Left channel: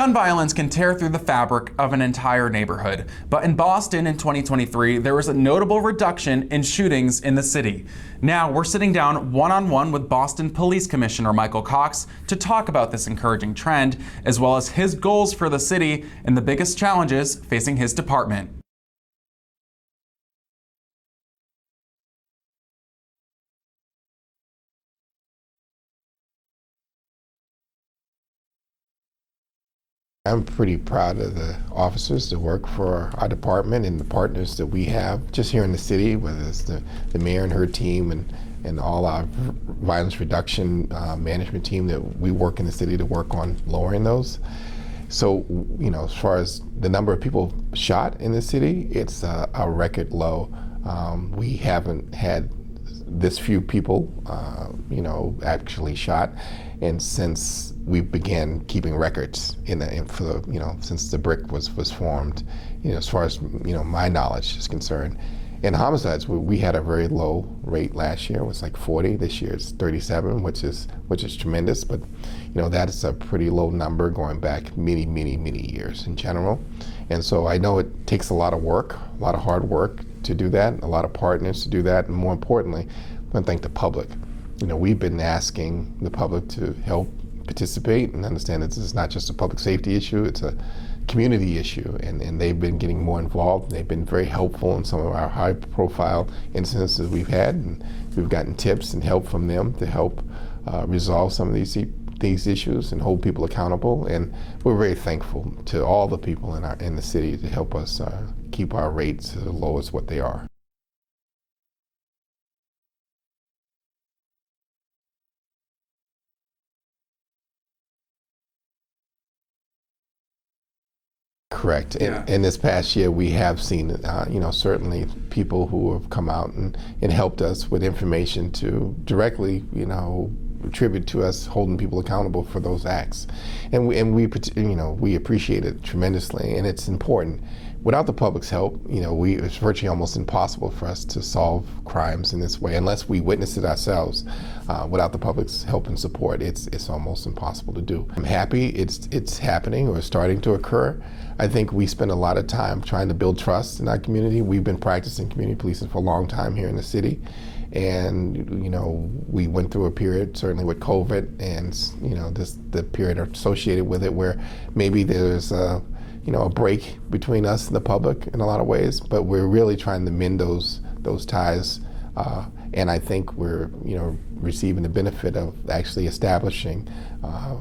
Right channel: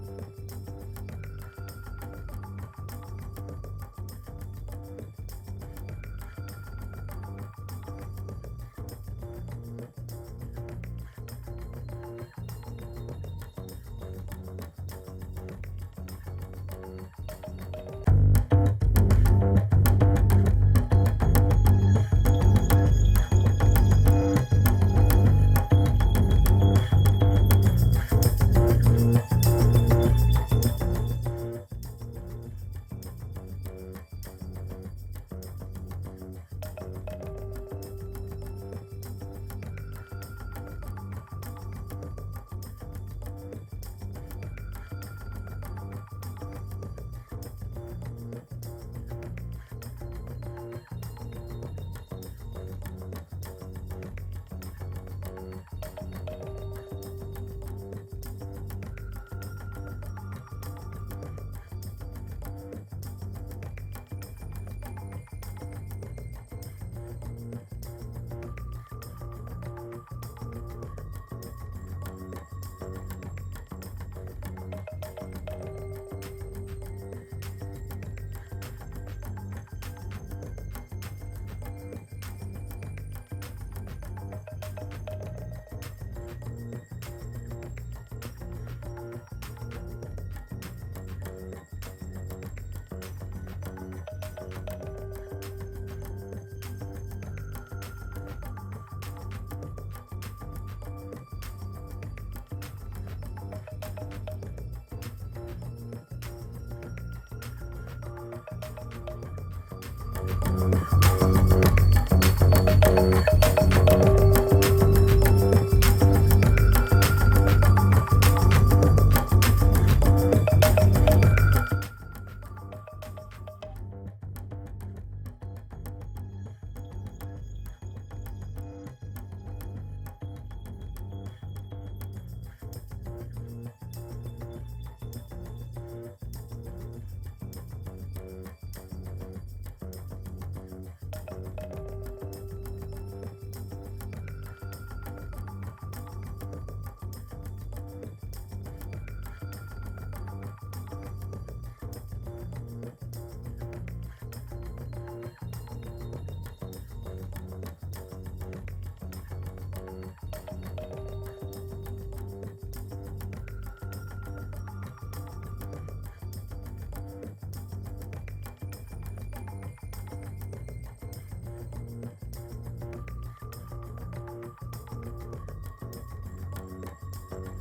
Gun violence can tear through the fabric of an entire neighborhood, but in Boston in 2023, there was a notable reduction in shootings in the city. Now, we're sitting down one-on-one with Boston Police Commissioner Michael Cox to talk about this encouraging trend, as well as his goals for the city and the biggest challenges facing his department. I'm pretty proud of the officers that work for our department and the partners that we have just here in the city, whether it's the mayor and her team and all our violence reduction management team that we work in the city to work on lowering those. So, you know, as far as the number of people shot in the city, it's a record low. We haven't had this few people, you know, actually shot, and since we began keeping records since the BRIC was formed, you know, as far as, you know, my knowledge is concerned. In homicides, we had a very low rate last year. It was like 40. This year it's 37, which is tremendous. But, you know, that is a pretty low number going back many years in general. And so I know it takes a lot of work, a lot of hard work to do that, a lot of partners to do that, and more importantly, I want to thank the public. You know, we've been asking the public to help participate and understand that this is not just a public safety issue, it's a community issue, and they've been getting more involved. They've been very helpful in some of our high-profile incidents that we've had, and we've gotten tips and help from them to help resolve some of these issues and hold people accountable. And we're very thankful to all the people in the city to help us keep our rates as low as what they are. Correct. Yeah. In this past year, we have seen, you know, certainly people who have come out and helped us with information to directly, you know, attribute to us holding people accountable for those acts, and we you know, we appreciate it tremendously, and it's important. Without the public's help, you know, it's virtually almost impossible for us to solve crimes in this way unless we witness it ourselves. Without the public's help and support, it's almost impossible to do. I'm happy it's happening or starting to occur. I think we spend a lot of time trying to build trust in our community. We've been practicing community policing for a long time here in the city. And, you know, we went through a period, certainly with COVID, and, you know, the period associated with it where maybe there's you know, a break between us and the public in a lot of ways, but we're really trying to mend those ties. And I think we're, you know, receiving the benefit of actually establishing,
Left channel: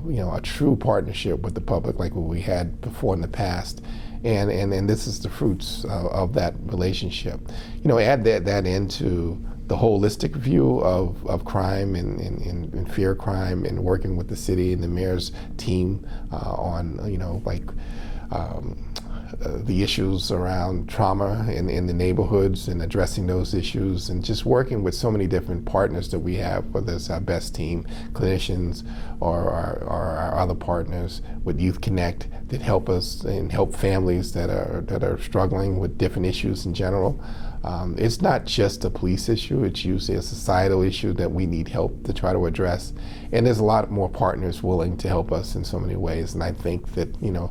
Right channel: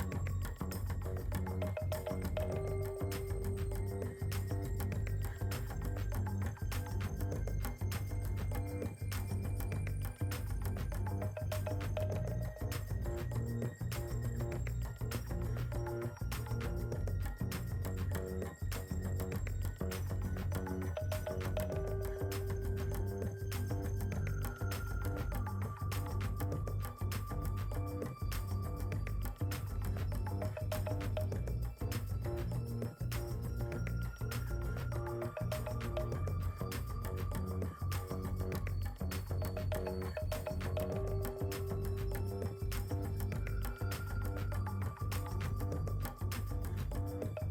you know, a true partnership with the public like what we had before in the past. And this is the fruits of that relationship. You know, add that into the holistic view of crime and fear crime, and working with the city and the mayor's team on, you know, like the issues around trauma in the neighborhoods and addressing those issues, and just working with so many different partners that we have, whether it's our best team, clinicians, or our other partners with Youth Connect that help us and help families that are struggling with different issues in general. It's not just a police issue, it's usually a societal issue that we need help to try to address. And there's a lot more partners willing to help us in so many ways. And I think that, you know,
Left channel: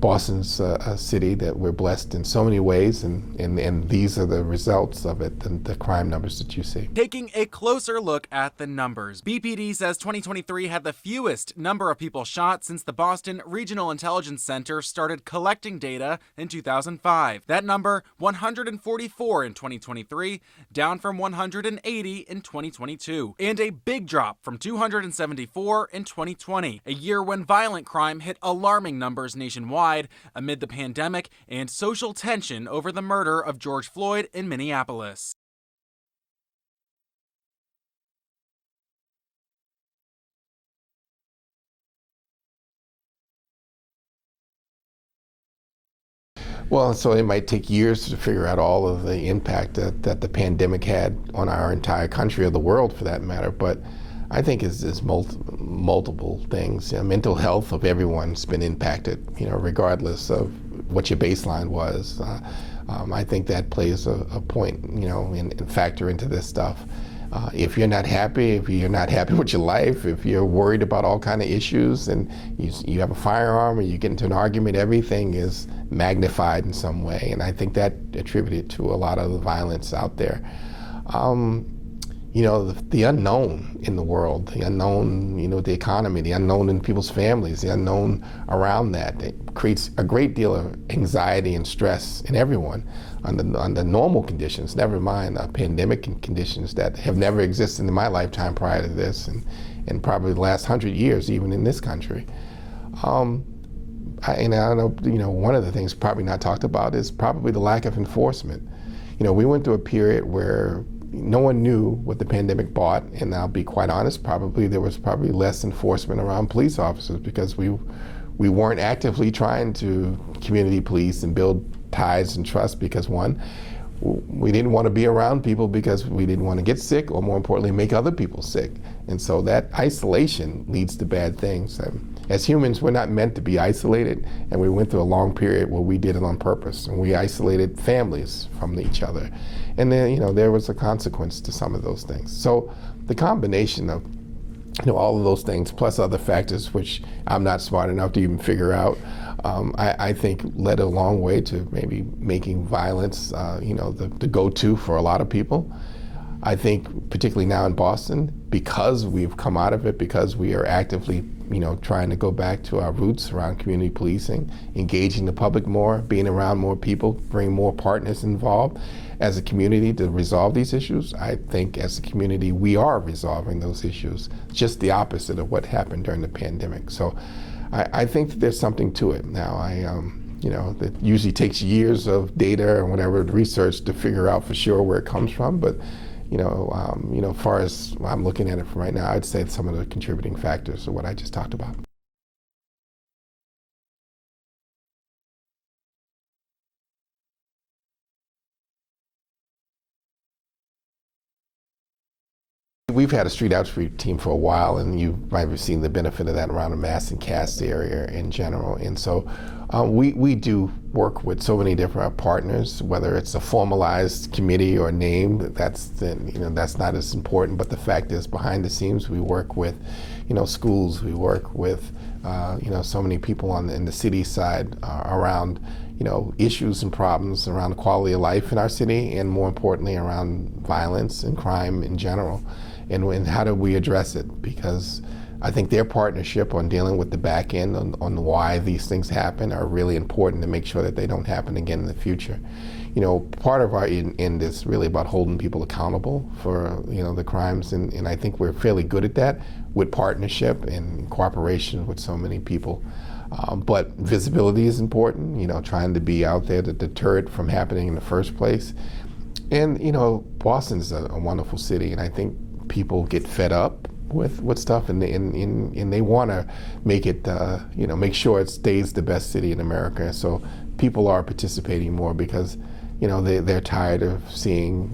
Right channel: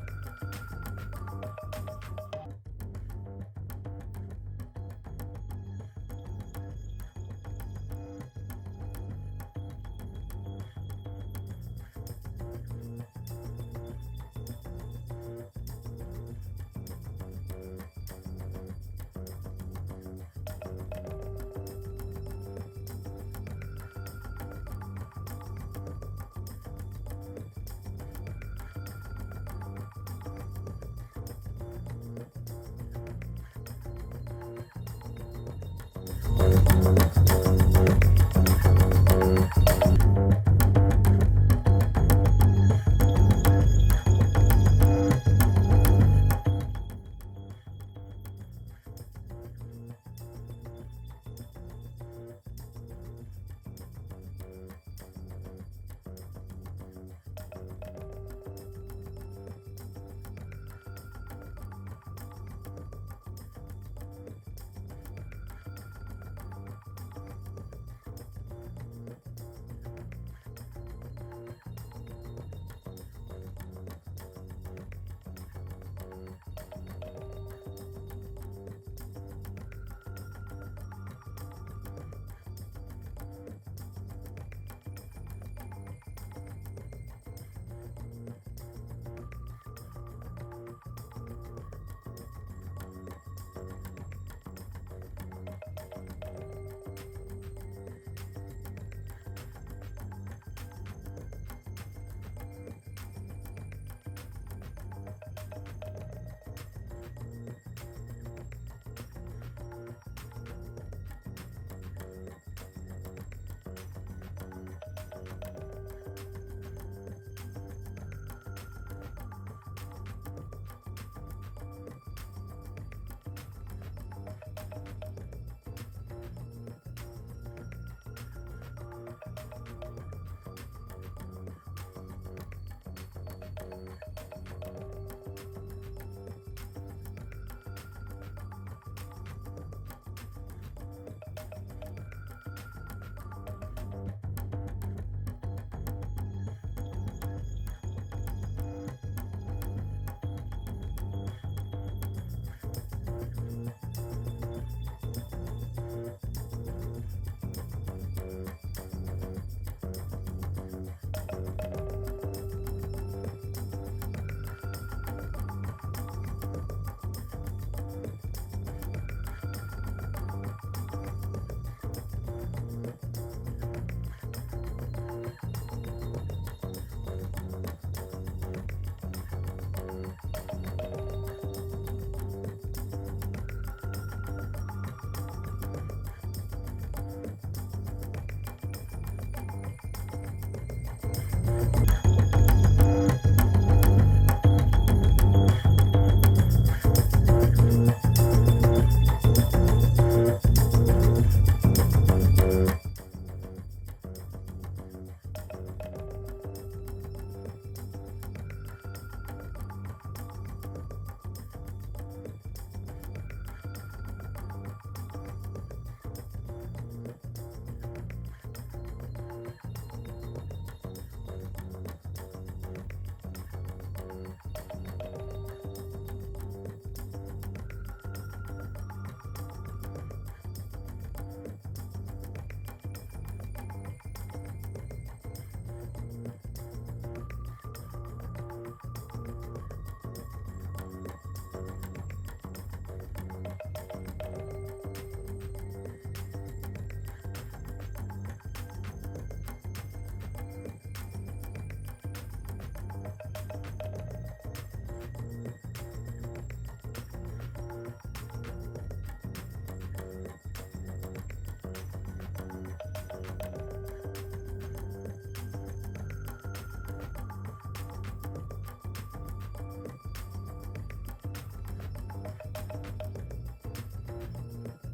Boston's a city that we're blessed in so many ways, and these are the results of it, the crime numbers that you see. Taking a closer look at the numbers, BPD says 2023 had the fewest number of people shot since the Boston Regional Intelligence Center started collecting data in 2005. That number, 144 in 2023, down from 180 in 2022, and a big drop from 274 in 2020, a year when violent crime hit alarming numbers nationwide amid the pandemic and social tension over the murder of George Floyd in Minneapolis. Well, so it might take years to figure out all of the impact that the pandemic had on our entire country, or the world for that matter, but I think it's multiple things. You know, mental health of everyone's been impacted, you know, regardless of what your baseline was. I think that plays a point, you know, and factor into this stuff. If you're not happy, if you're not happy with your life, if you're worried about all kind of issues and you have a firearm or you get into an argument, everything is magnified in some way. And I think that attributed to a lot of the violence out there. You know, the unknown in the world, the unknown, you know, the economy, the unknown in people's families, the unknown around that, it creates a great deal of anxiety and stress in everyone under normal conditions, never mind pandemic conditions that have never existed in my lifetime prior to this, and probably the last 100 years, even in this country. I know, you know, one of the things probably not talked about is probably the lack of enforcement. You know, we went through a period where no one knew what the pandemic brought, and I'll be quite honest, there was probably less enforcement around police officers because we weren't actively trying to community police and build ties and trust because, one, we didn't want to be around people because we didn't want to get sick, or more importantly, make other people sick. And so that isolation leads to bad things. As humans, we're not meant to be isolated, and we went through a long period where we did it on purpose, and we isolated families from each other. And then, you know, there was a consequence to some of those things. So the combination of, you know, all of those things, plus other factors, which I'm not smart enough to even figure out, I think led a long way to maybe making violence, you know, the go-to for a lot of people. I think particularly now in Boston, because we've come out of it, because we are actively, you know, trying to go back to our roots around community policing, engaging the public more, being around more people, bring more partners involved as a community to resolve these issues. I think as a community, we are resolving those issues, just the opposite of what happened during the pandemic. So I think that there's something to it now. You know, it usually takes years of data or whatever research to figure out for sure where it comes from, but you know, as far as I'm looking at it from right now, I'd say some of the contributing factors are what I just talked about. We've had a street outreach team for a while, and you might have seen the benefit of that around the Mass and Cass area in general. And so we do work with so many different partners, whether it's a formalized committee or name, that's not as important, but the fact is behind the scenes we work with, you know, schools, we work with, you know, so many people in the city side around, you know, issues and problems around quality of life in our city, and more importantly around violence and crime in general. And how do we address it? Because I think their partnership on dealing with the back end on why these things happen are really important to make sure that they don't happen again in the future. You know, part of our end is really about holding people accountable for, you know, the crimes, and I think we're fairly good at that with partnership and cooperation with so many people. But visibility is important, you know, trying to be out there to deter it from happening in the first place. And, you know, Boston's a wonderful city, and I think people get fed up with stuff, and they want to make it, you know, make sure it stays the best city in America. So people are participating more because, you know, they're tired of seeing,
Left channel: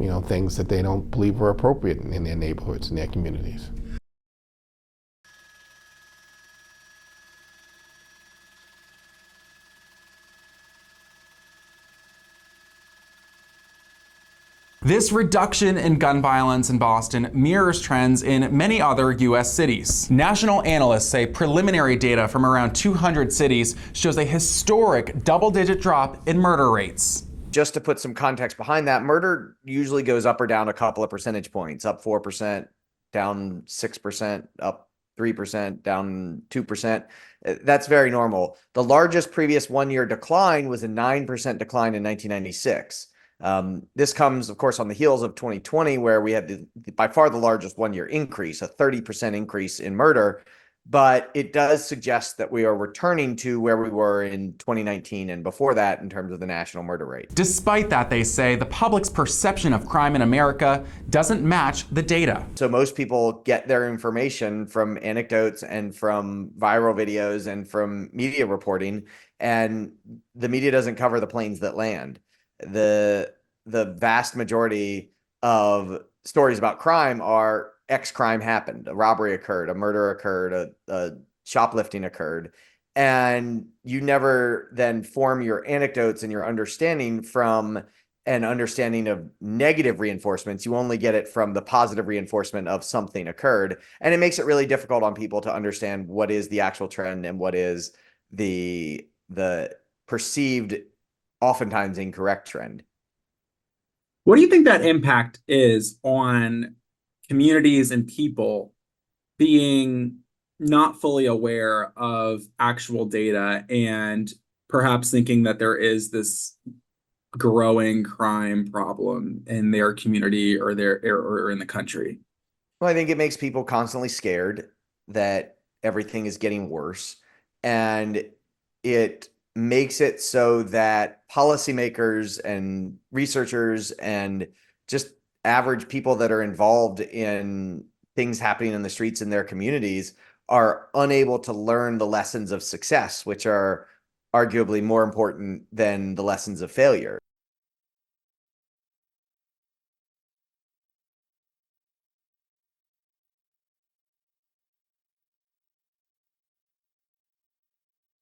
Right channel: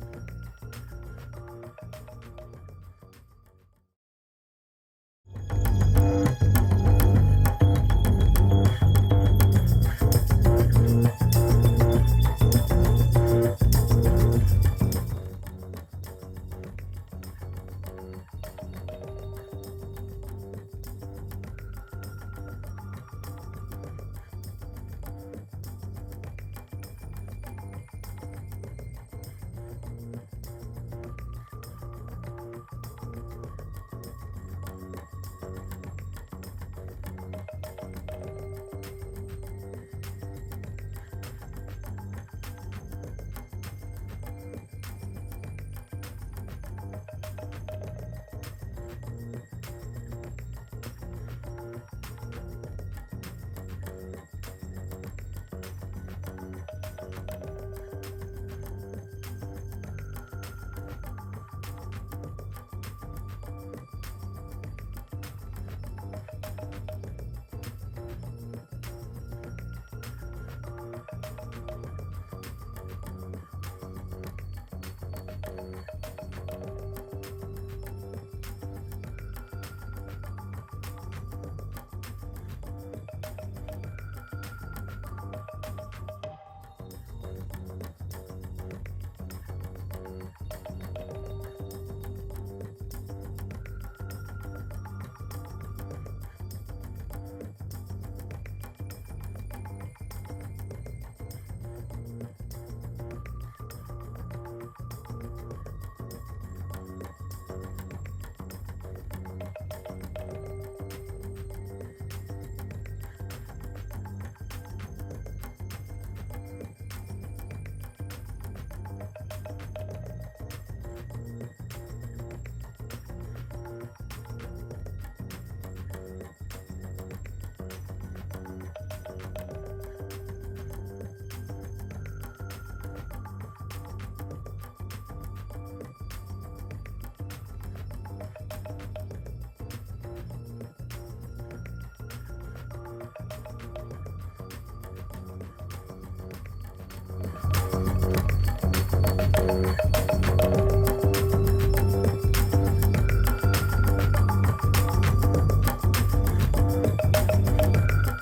you know, things that they don't believe are appropriate in their neighborhoods and their communities. This reduction in gun violence in Boston mirrors trends in many other U.S. cities. National analysts say preliminary data from around 200 cities shows a historic double-digit drop in murder rates. Just to put some context behind that, murder usually goes up or down a couple of percentage points, up 4%, down 6%, up 3%, down 2%. That's very normal. The largest previous one-year decline was a 9% decline in 1996. This comes, of course, on the heels of 2020, where we had by far the largest one-year increase, a 30% increase in murder. But it does suggest that we are returning to where we were in 2019 and before that in terms of the national murder rate. Despite that, they say the public's perception of crime in America doesn't match the data. So most people get their information from anecdotes and from viral videos and from media reporting, and the media doesn't cover the planes that land. The vast majority of stories about crime are X crime happened, a robbery occurred, a murder occurred, a shoplifting occurred, and you never then form your anecdotes and your understanding from an understanding of negative reinforcements. You only get it from the positive reinforcement of something occurred. And it makes it really difficult on people to understand what is the actual trend and what is the perceived, oftentimes incorrect trend. What do you think that impact is on communities and people being not fully aware of actual data and perhaps thinking that there is this growing crime problem in their community or or in the country? Well, I think it makes people constantly scared that everything is getting worse, and it makes it so that policymakers and researchers and just average people that are involved in things happening in the streets in their communities are unable to learn the lessons of success, which are arguably more important than the lessons of failure.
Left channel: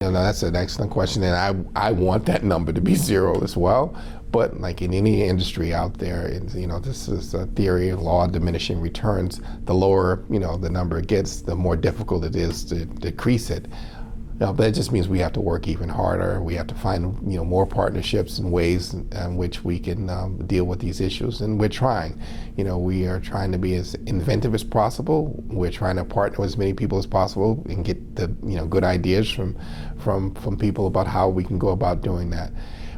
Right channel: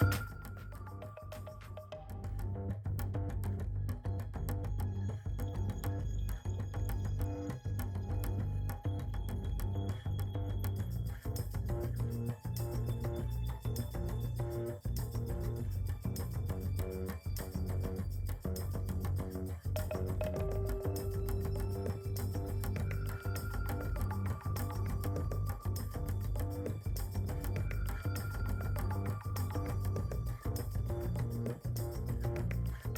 No, that's an excellent question, and I want that number to be zero as well. But like in any industry out there, this is a theory of law of diminishing returns. The lower, the number it gets, the more difficult it is to decrease it. But that just means we have to work even harder. We have to find, more partnerships and ways in which we can deal with these issues, and we're trying. We are trying to be as inventive as possible. We're trying to partner with as many people as possible and get the, good ideas from people about how we can go about doing that.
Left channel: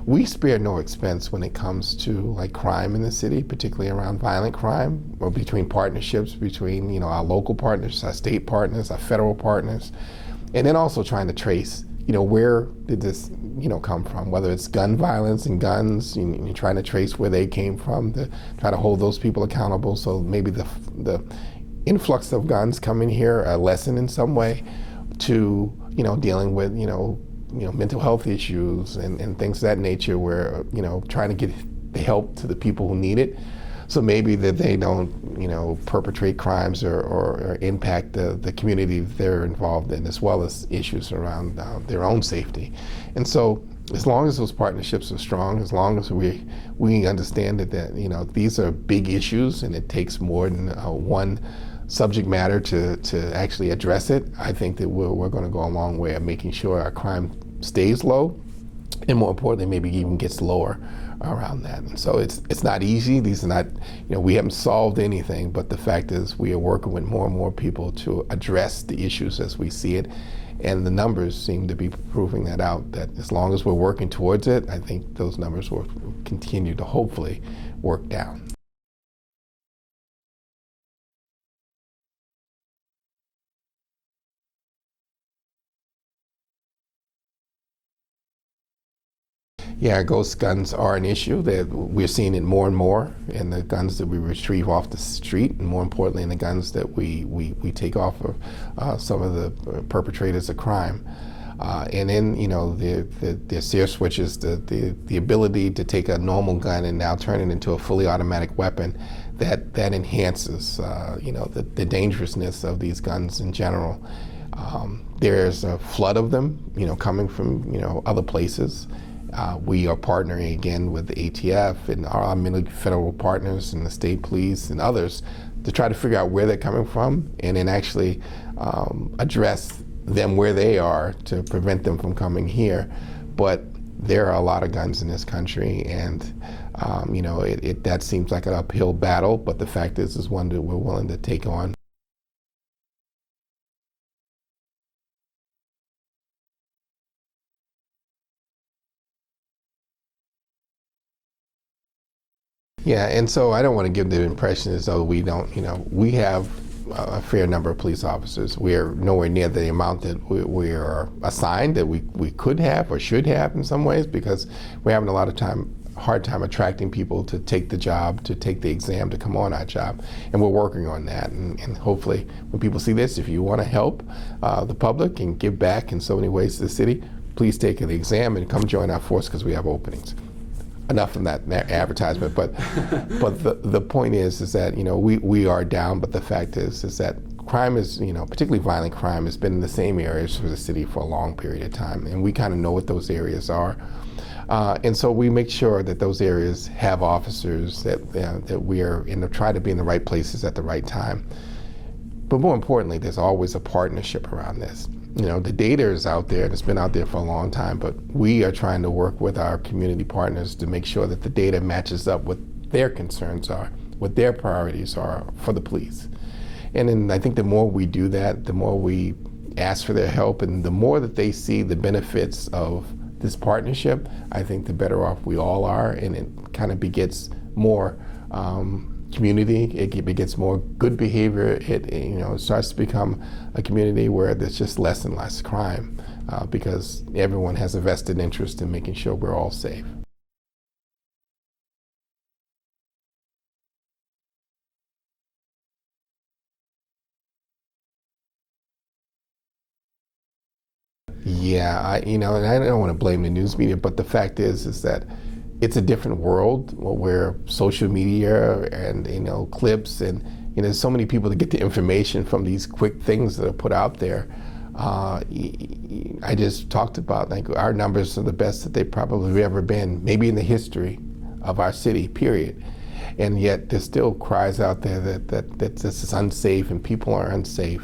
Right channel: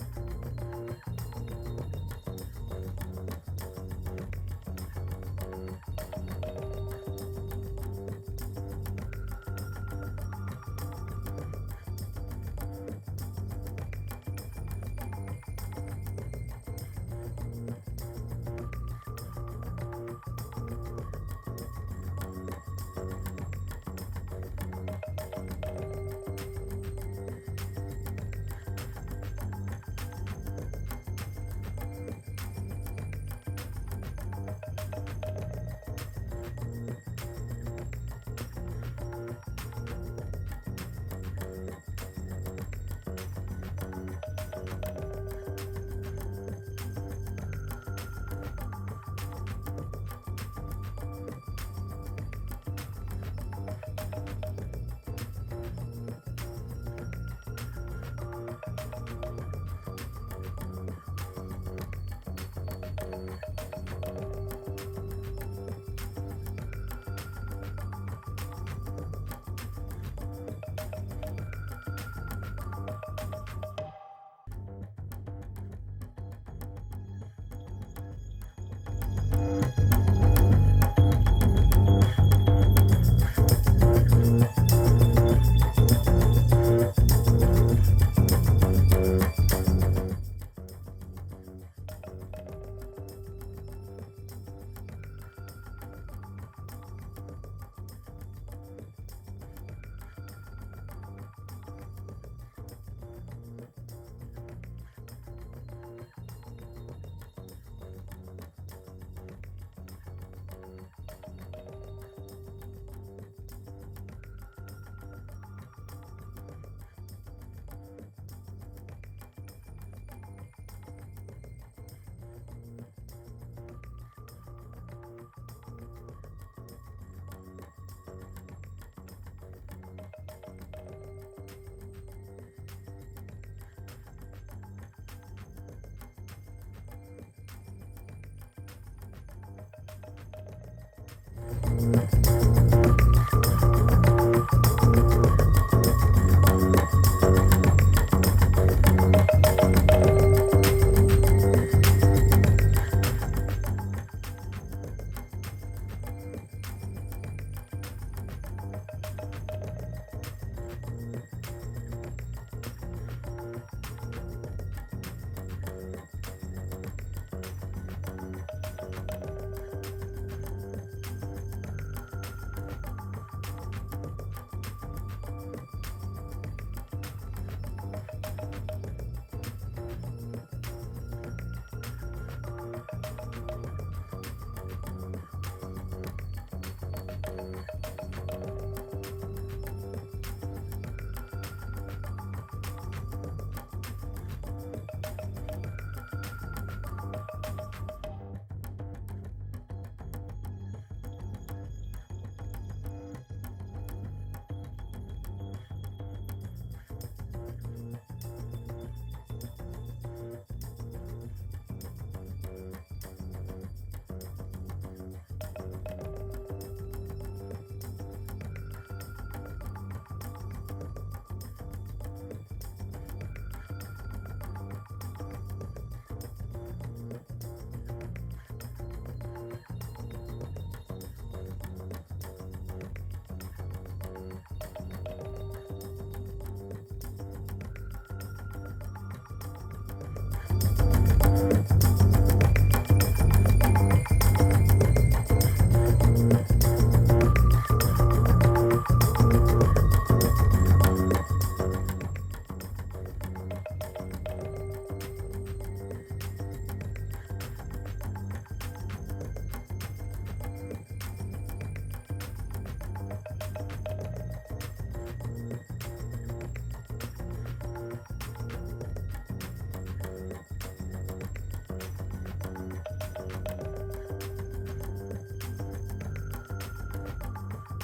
We spare no expense when it comes to like crime in the city, particularly around violent crime, or between partnerships between our local partners, our state partners, our federal partners, and then also trying to trace where did this come from, whether it's gun violence and guns. You're trying to trace where they came from, to try to hold those people accountable, so maybe the influx of guns coming here are lessened in some way, to dealing with mental health issues and things of that nature, where trying to get the help to the people who need it, so maybe that they don't perpetrate crimes or impact the community they're involved in, as well as issues around their own safety. And so as long as those partnerships are strong, as long as we understand that these are big issues and it takes more than one subject matter to actually address it, I think that we're going to go a long way of making sure our crime stays low, and more importantly, maybe even gets lower around that. And so it's not easy. These are not, we haven't solved anything, but the fact is we are working with more and more people to address the issues as we see it. And the numbers seem to be proving that out, that as long as we're working towards it, I think those numbers will continue to hopefully work down. Yeah, ghost guns are an issue that we're seeing it more and more in the guns that we retrieve off the street, and more importantly in the guns that we take off of some of the perpetrators of crime. And then, the SEER switches, the ability to take a normal gun and now turn it into a fully automatic weapon, that enhances, the dangerousness of these guns in general. There's a flood of them, coming from, other places. We are partnering again with the ATF and our many federal partners and the state police and others to try to figure out where they're coming from, and then actually address them where they are to prevent them from coming here. But there are a lot of guns in this country, and that seems like an uphill battle, but the fact is one that we're willing to take on. Yeah, and so I don't want to give the impression as though we don't, we have a fair number of police officers. We are nowhere near the amount that we are assigned that we could have or should have in some ways, because we're having a lot of hard time attracting people to take the job, to take the exam, to come on our job. And we're working on that. And hopefully when people see this, if you want to help the public and give back in so many ways to the city, please take the exam and come join our force, because we have openings. Enough from that advertisement, but the point is that we are down, but the fact is that crime is, particularly violent crime, has been in the same areas for the city for a long period of time, and we kind of know what those areas are. And so we make sure that those areas have officers, that we are try to be in the right places at the right time. But more importantly, there's always a partnership around this. The data is out there, and it's been out there for a long time, but we are trying to work with our community partners to make sure that the data matches up with their concerns are, what their priorities are for the police. And then I think the more we do that, the more we ask for their help, and the more that they see the benefits of this partnership, I think the better off we all are, and it kind of begets more community. It begets more good behavior. It starts to become a community where there's just less and less crime because everyone has a vested interest in making sure we're all safe. Yeah, and I don't want to blame the news media, but the fact is that it's a different world where social media and clips and there's so many people that get the information from these quick things that are put out there. I just talked about our numbers are the best that they've probably ever been, maybe in the history of our city, period. And yet there's still cries out there that this is unsafe and people are unsafe.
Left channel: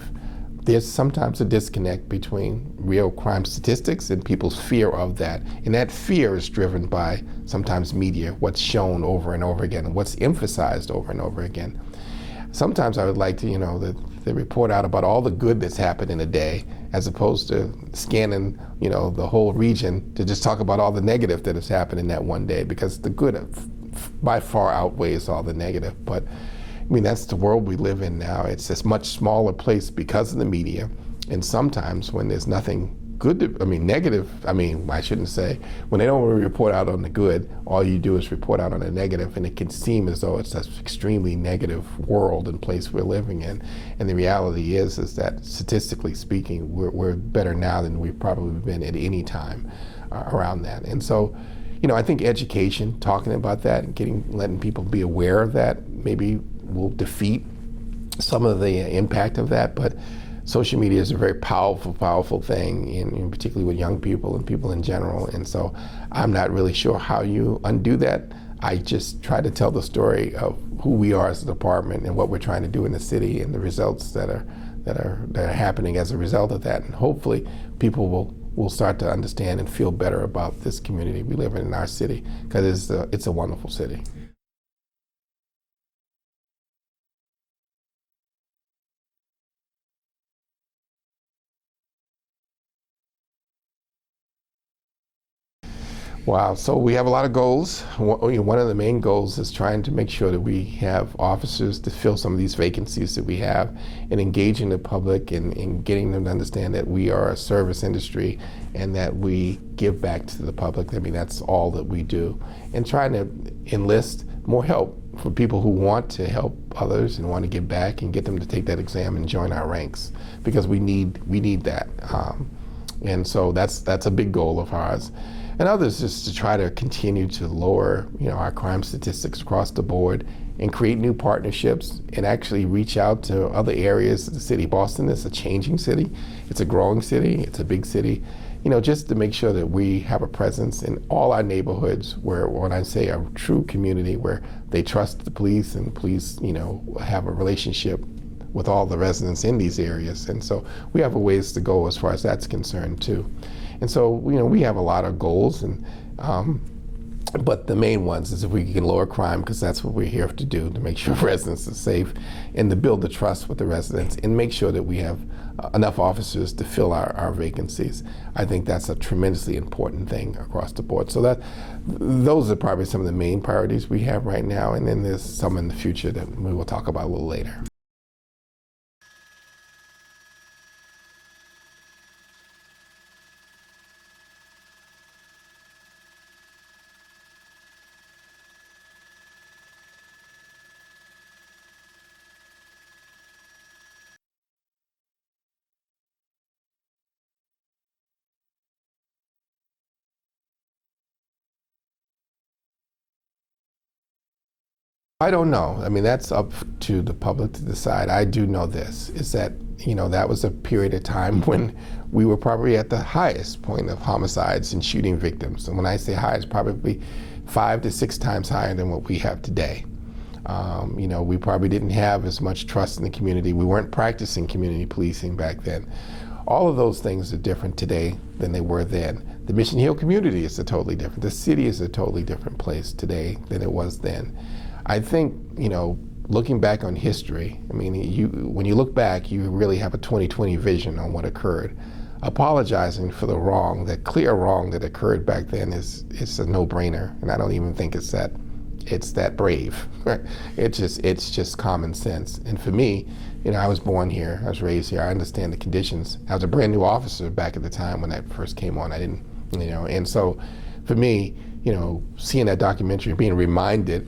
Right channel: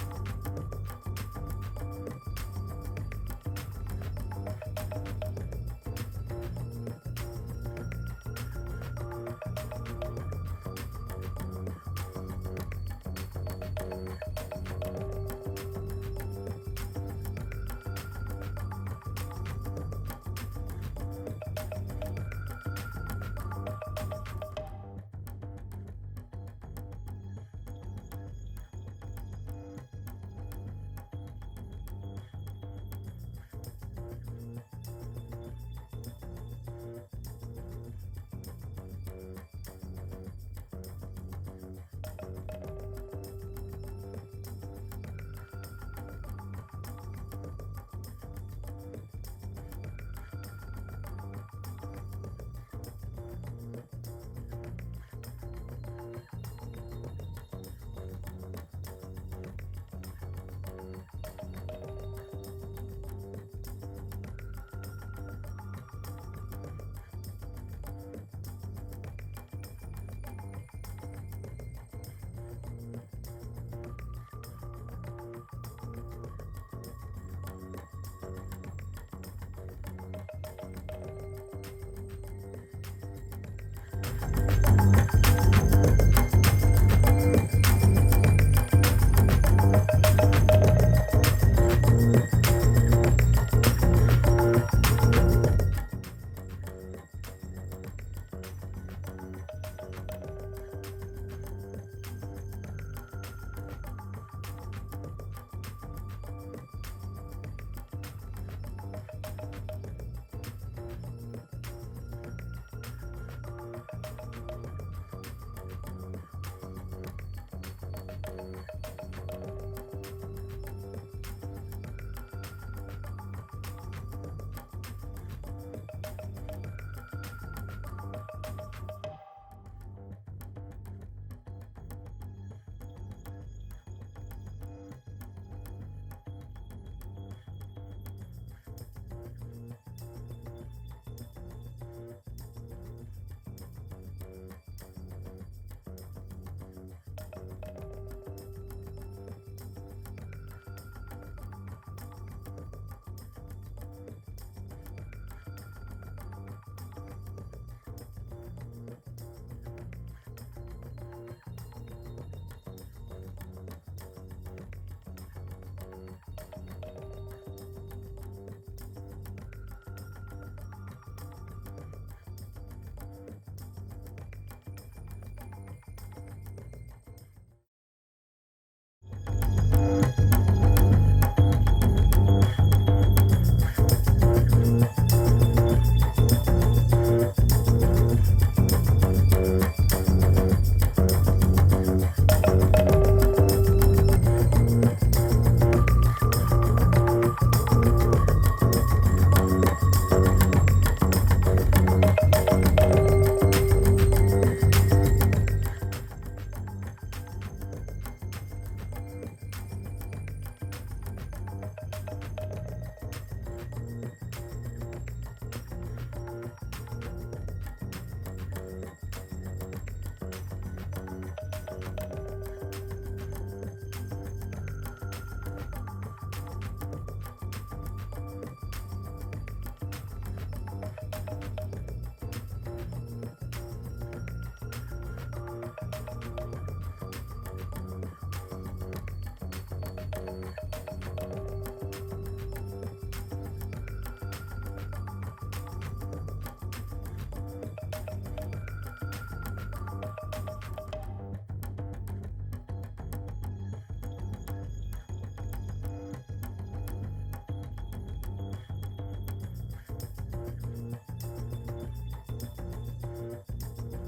There's sometimes a disconnect between real crime statistics and people's fear of that. And that fear is driven by sometimes media, what's shown over and over again, what's emphasized over and over again. Sometimes I would like to, they report out about all the good that's happened in a day, as opposed to scanning, the whole region to just talk about all the negative that has happened in that one day, because the good by far outweighs all the negative. But that's the world we live in now. It's this much smaller place because of the media. And sometimes when there's nothing good, negative, I shouldn't say, when they don't really report out on the good, all you do is report out on the negative, and it can seem as though it's this extremely negative world and place we're living in. And the reality is that statistically speaking, we're better now than we've probably been at any time around that. And so, I think education, talking about that and letting people be aware of that, maybe will defeat some of the impact of that. But social media is a very powerful thing, in particularly with young people and people in general. And so I'm not really sure how you undo that. I just try to tell the story of who we are as a department and what we're trying to do in the city and the results that are happening as a result of that. And hopefully people will start to understand and feel better about this community we live in our city, because it's a wonderful city. Wow, so we have a lot of goals. One of the main goals is trying to make sure that we have officers to fill some of these vacancies that we have, and engaging the public and getting them to understand that we are a service industry and that we give back to the public. That's all that we do. And trying to enlist more help for people who want to help others and want to give back, and get them to take that exam and join our ranks, because we need that. And so that's a big goal of ours. And others is to try to continue to lower, our crime statistics across the board, and create new partnerships and actually reach out to other areas of the city. Boston is a changing city. It's a growing city. It's a big city. Just to make sure that we have a presence in all our neighborhoods where, when I say a true community, where they trust the police and the police, have a relationship with all the residents in these areas. And so we have a ways to go as far as that's concerned too. And so, we have a lot of goals, but the main ones is if we can lower crime, because that's what we're here to do, to make sure residents are safe, and to build the trust with the residents, and make sure that we have enough officers to fill our vacancies. I think that's a tremendously important thing across the board. So those are probably some of the main priorities we have right now, and then there's some in the future that we will talk about a little later. I don't know. That's up to the public to decide. I do know this, is that, that was a period of time when we were probably at the highest point of homicides and shooting victims. And when I say high, it's probably 5 to 6 times higher than what we have today. We probably didn't have as much trust in the community. We weren't practicing community policing back then. All of those things are different today than they were then. The Mission Hill community is totally different. The city is a totally different place today than it was then. I think, looking back on history, when you look back, you really have a 20/20 vision on what occurred. Apologizing for the wrong, that clear wrong that occurred back then it's a no-brainer, and I don't even think it's that brave. Right? It's just common sense. And for me, I was born here, I was raised here, I understand the conditions. I was a brand new officer back at the time when I first came on. I didn't, and so for me, seeing that documentary, being reminded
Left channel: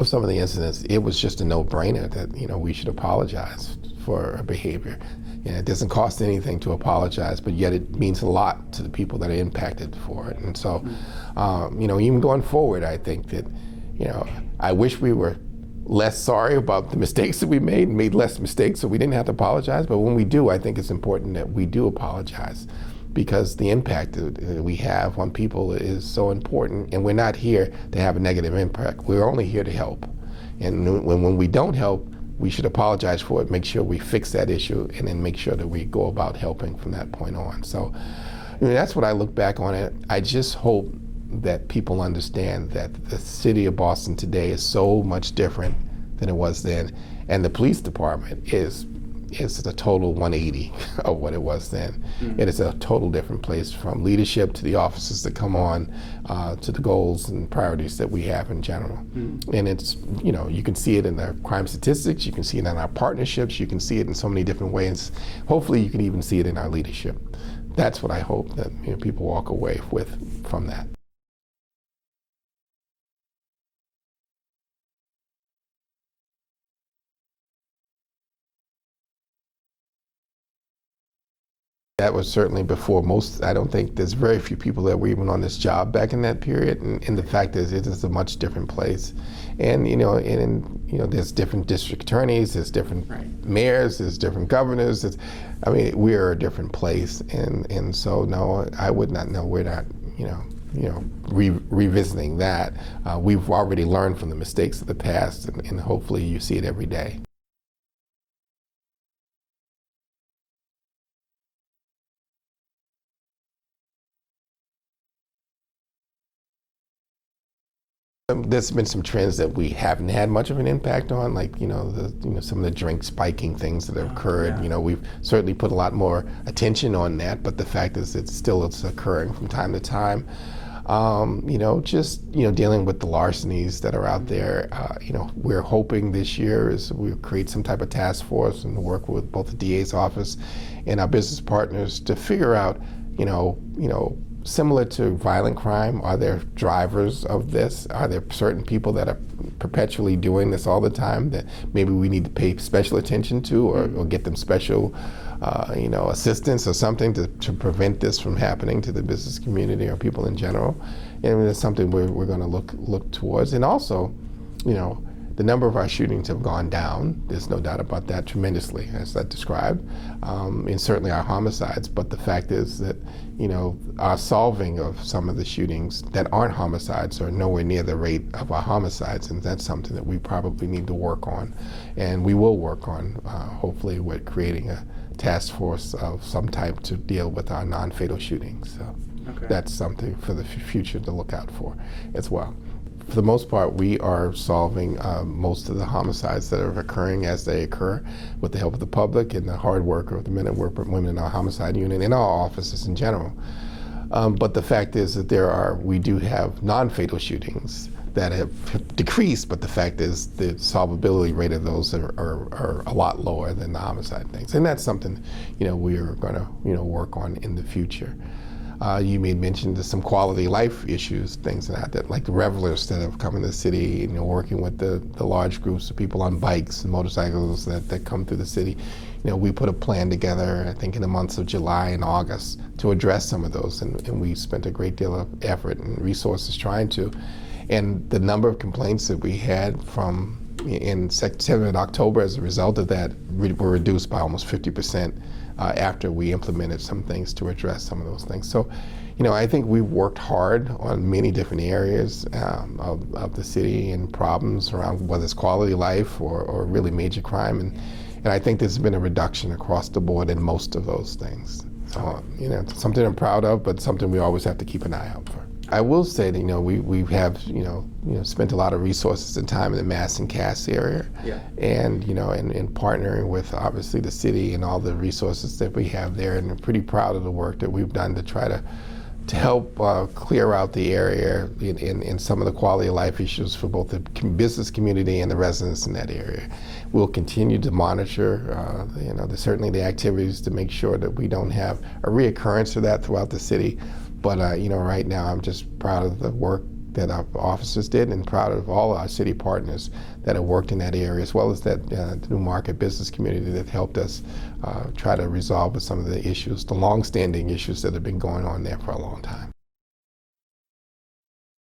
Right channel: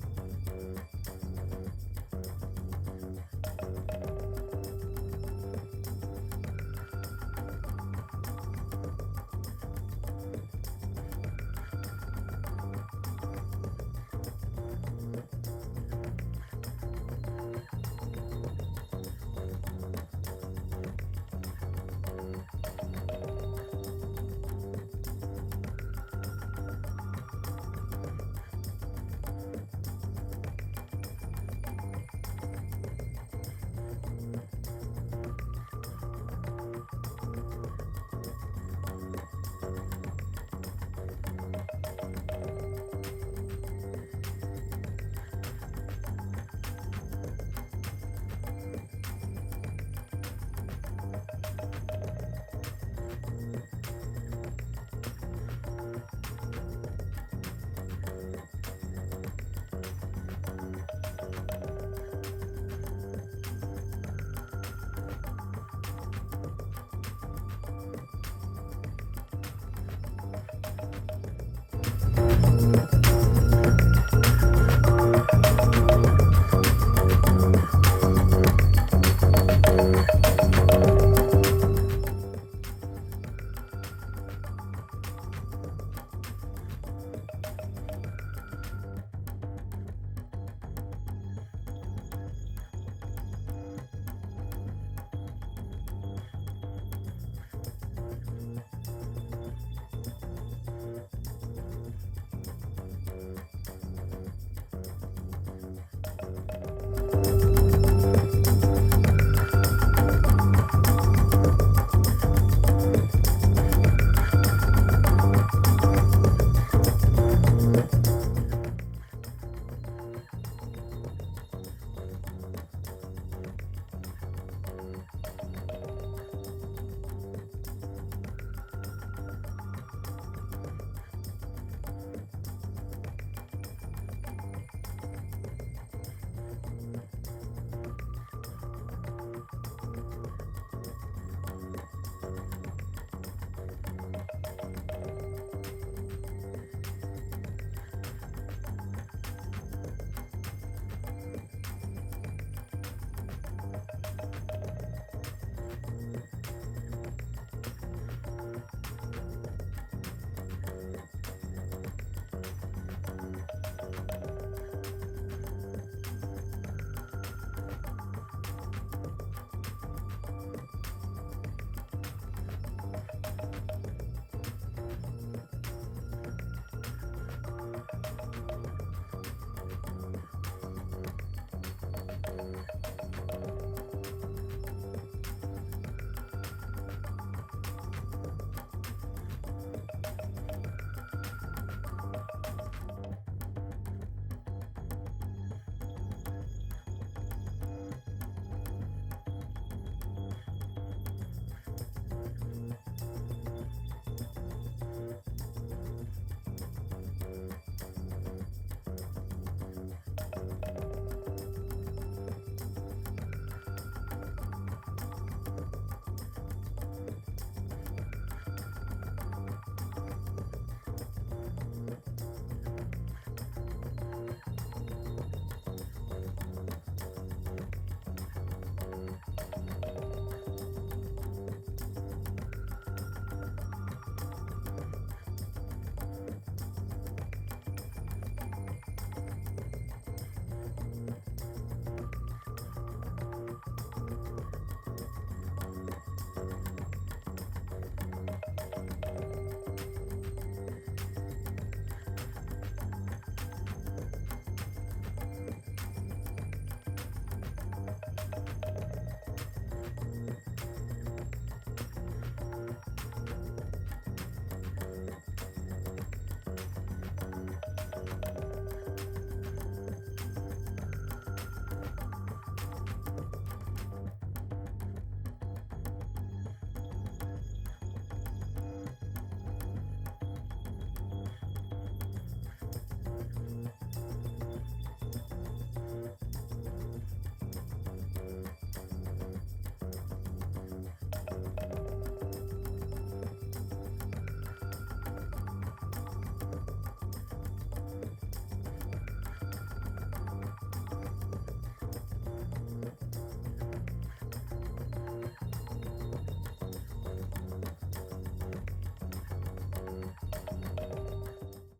of some of the incidents, it was just a no-brainer that, we should apologize for our behavior. It doesn't cost anything to apologize, but yet it means a lot to the people that are impacted for it. And so, even going forward, I think that, I wish we were less sorry about the mistakes that we made less mistakes so we didn't have to apologize. But when we do, I think it's important that we do apologize, because the impact that we have on people is so important, and we're not here to have a negative impact. We're only here to help. And when we don't help, we should apologize for it, make sure we fix that issue, and then make sure that we go about helping from that point on. So that's what I look back on it. I just hope that people understand that the city of Boston today is so much different than it was then, and the police department is a total 180 of what it was then. It is a total different place, from leadership to the officers that come on, to the goals and priorities that we have in general. And it's, you can see it in the crime statistics, you can see it in our partnerships, you can see it in so many different ways. Hopefully you can even see it in our leadership. That's what I hope that people walk away with from that. That was certainly before most. I don't think there's very few people that were even on this job back in that period. And the fact is, it is a much different place. And there's different district attorneys, there's different mayors, there's different governors. We're a different place. And so no, I would not know. We're not, revisiting that. We've already learned from the mistakes of the past, and hopefully you see it every day. There's been some trends that we haven't had much of an impact on, like some of the drink spiking things that have occurred. We've certainly put a lot more attention on that, but the fact is it's occurring from time to time. Dealing with the larcenies that are out there. We're hoping this year is we'll create some type of task force and work with both the DA's office and our business partners to figure out, similar to violent crime, are there drivers of this? Are there certain people that are perpetually doing this all the time that maybe we need to pay special attention to, or get them special assistance or something to prevent this from happening to the business community or people in general? And it's something we're going to look towards. And also, the number of our shootings have gone down. There's no doubt about that, tremendously, as I described, and certainly our homicides. But the fact is that, our solving of some of the shootings that aren't homicides are nowhere near the rate of our homicides, and that's something that we probably need to work on, and we will work on. Hopefully, with creating a task force of some type to deal with our non-fatal shootings. So that's something for the future to look out for as well. For the most part, we are solving most of the homicides that are occurring as they occur with the help of the public and the hard work of the men and women in our homicide unit and our offices in general. But the fact is that we do have non-fatal shootings that have decreased, but the fact is the solvability rate of those are a lot lower than the homicide things. And that's something, we are gonna, work on in the future. You may mention some quality life issues, things like the revelers that have come in the city, working with the large groups of people on bikes and motorcycles that come through the city. We put a plan together, I think in the months of July and August, to address some of those, and we spent a great deal of effort and resources trying to. And the number of complaints that we had in September and October as a result of that were reduced by almost 50%. after we implemented some things to address some of those things. So, I think we've worked hard on many different areas of the city and problems around whether it's quality of life or really major crime. And I think there's been a reduction across the board in most of those things. So, it's something I'm proud of, but something we always have to keep an eye out for. I will say that, we have, spent a lot of resources and time in the Mass and Cass area. Yeah. And, and partnering with obviously the city and all the resources that we have there. And I'm pretty proud of the work that we've done to try to help clear out the area in some of the quality of life issues for both the business community and the residents in that area. We'll continue to monitor, certainly the activities to make sure that we don't have a reoccurrence of that throughout the city. But right now I'm just proud of the work that our officers did and proud of all our city partners that have worked in that area, as well as that New Market business community that helped us try to resolve some of the issues, the long-standing issues that have been going on there for a long time.